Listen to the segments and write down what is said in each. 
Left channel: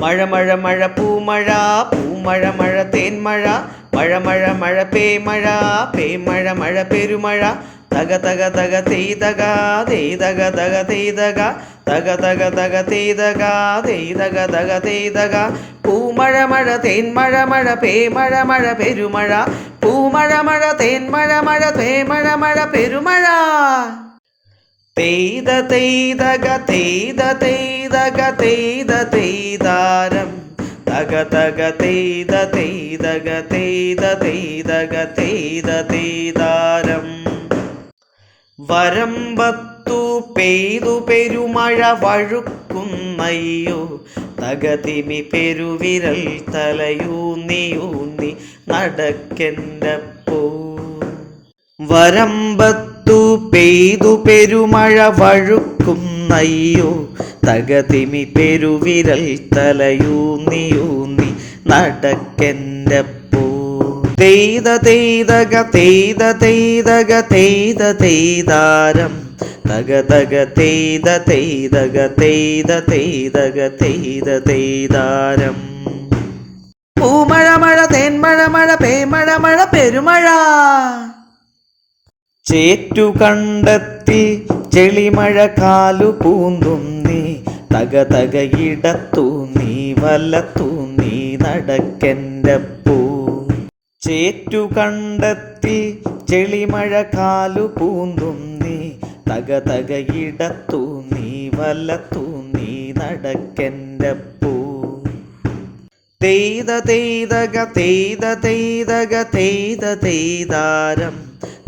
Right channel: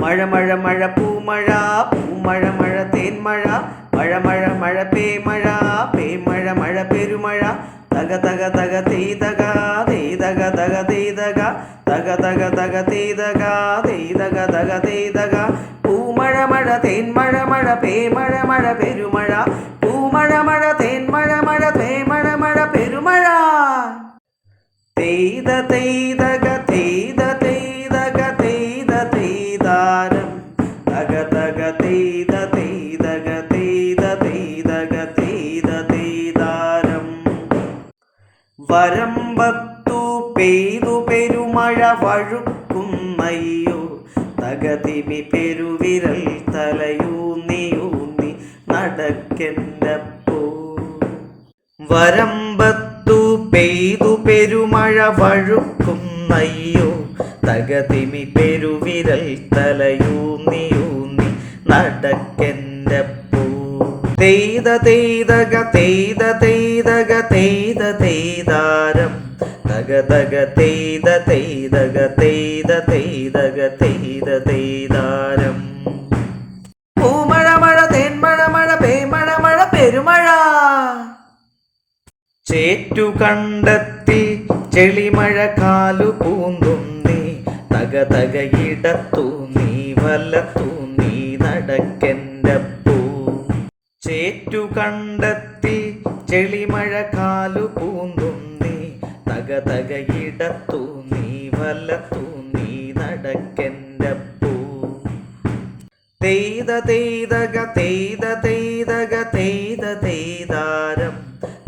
മഴ മഴ മഴ പൂമഴ പൂമഴ മഴ തേന്മഴ മഴ മഴ മഴ പേമഴ പേമഴ മഴ പെരുമഴ തക തക തക തെയ്തക തെയ്തക തക തെയ്തക തക തക തക തെയ്തക തെയ്തക തക തെയ്തക പൂമഴ മഴ തേന്മഴ മഴ പേമഴ മഴ പെരുമഴ പൂമഴ മഴ തേന്മഴ മഴ പേമഴ മഴ പെരുമഴ തെയ്ത തെയ്തക തെയ്ത തെയ്തക തെയ്ത തെയ്താരം തക തക തെയ്ത തെയ്തക തെയ്ത തെയ്തക തെയ്ത തെയ്താരം വരമ്പത്തു പെയ്തു പെരുമഴ വഴുക്കുന്നയ്യോ തകതിമി പെരുവിരൽ തലയൂന്നിയൂന്നി നടക്കെൻ്റപ്പോ വരമ്പത്തു പെയ്തു പെരുമഴ വഴുക്കുന്നയ്യോ തകതിമി പെരുവിരൽ തലയൂന്നിയൂന്നി നടക്കെൻ്റപ്പോ തെയ്ത തെയ്തക തെയ്ത തെയ്തക തെയ്ത തെയ്താരം തക തക തെയ്ത തെയ്തക തെയ്ത തെയ്തക തെയ്ത തെയ്താരം പൂമഴ മഴ തേന്മഴ മഴ പേമഴ മഴ പെരുമഴ ചേറ്റുകണ്ടത്തിൽ ചെളിമഴ കാലു പൂന്തുന്നി തക തക ഇടത്തൂന്നി വലത്തൂന്നി നടക്കെൻ്റപ്പൂ ചേറ്റുകണ്ടത്തിൽ ചെളിമഴ കാലു പൂന്തുന്നി തക തക ഇടത്തൂന്നി വലത്തൂന്നി നടക്കെൻ്റപ്പൂ തെയ്ത തെയ്തക തെയ്ത തെയ്തക തെയ്ത തെയ്താരം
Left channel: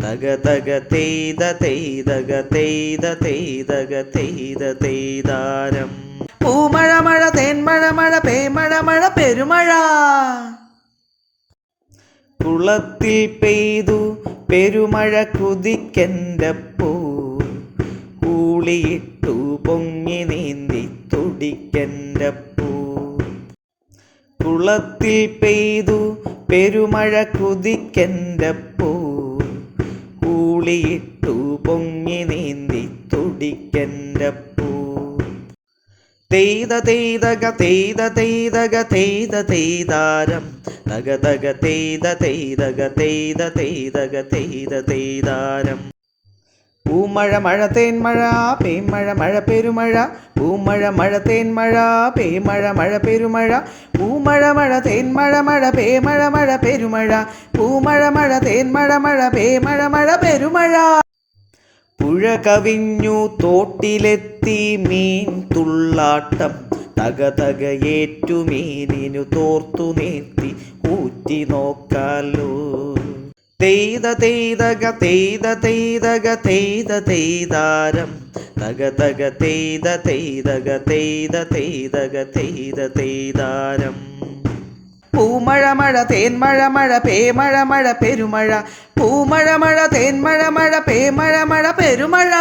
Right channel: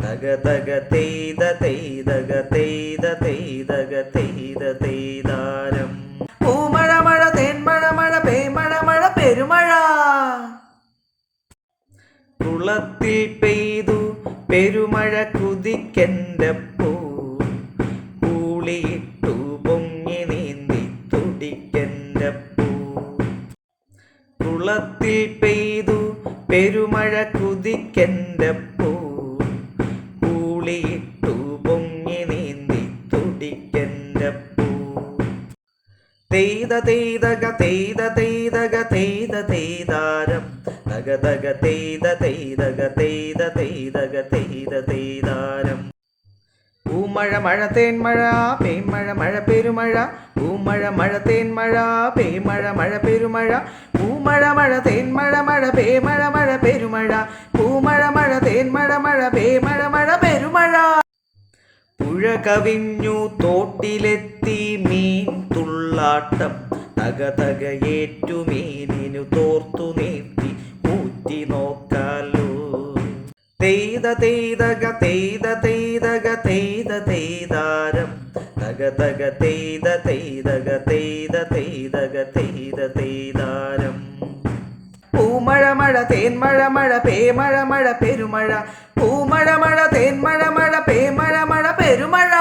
തക തക തെയ്ത തെയ്തക തെയ്ത തെയ്തക തെയ്ത തെയ്താരം പൂമഴ മഴ തേന്മഴ മഴ പേമഴ മഴ പെരുമഴ കുളത്തിൽ പെയ്തു പെരുമഴ കുതിക്കെൻ്റപ്പൂ കൂളിയിട്ടു പൊങ്ങി നീന്തി തുടിക്കെൻ്റപ്പൂ കുളത്തിൽ പെയ്തു പെരുമഴ കുതിക്കെൻ്റപ്പൂ കൂളിയിട്ടു പൊങ്ങി നീന്തി തുടിക്കെൻ്റപ്പൂ തെയ്ത തെയ്തക തെയ്ത തെയ്തക തെയ്ത തെയ്താരം തക തക തെയ്ത തെയ്തക തെയ്ത തെയ്തക തെയ്ത തെയ്താരം പൂമഴ മഴ തേന്മഴ പേമഴ മഴ പെരുമഴ പൂമഴ മഴ തേന്മഴ പേമഴ മഴ പെരുമഴ പൂമഴ മഴ തേന്മഴ മഴ പേമഴ മഴ പെരുമഴ പൂമഴ മഴ തേന്മഴ മഴ പേമഴ മഴ പെരുമഴ പുഴ കവിഞ്ഞു തോട്ടിലെത്തി മീൻ തുള്ളാട്ടം തക തക ഏറ്റുമീനിനു തോർത്തു നീട്ടി ഊറ്റി നോക്കാലോ തെയ്ത തെയ്തക തെയ്ത തെയ്തക തെയ്ത തെയ്താരം തക തക തെയ്ത തെയ്തക തെയ്ത തെയ്തക തെയ്ത തെയ്താരം പൂമഴ മഴ തേന്മഴ മഴ പേമഴ മഴ പെരുമഴ പൂമഴ മഴ തേന്മഴ മഴ പേമഴ മഴ പെരുമഴ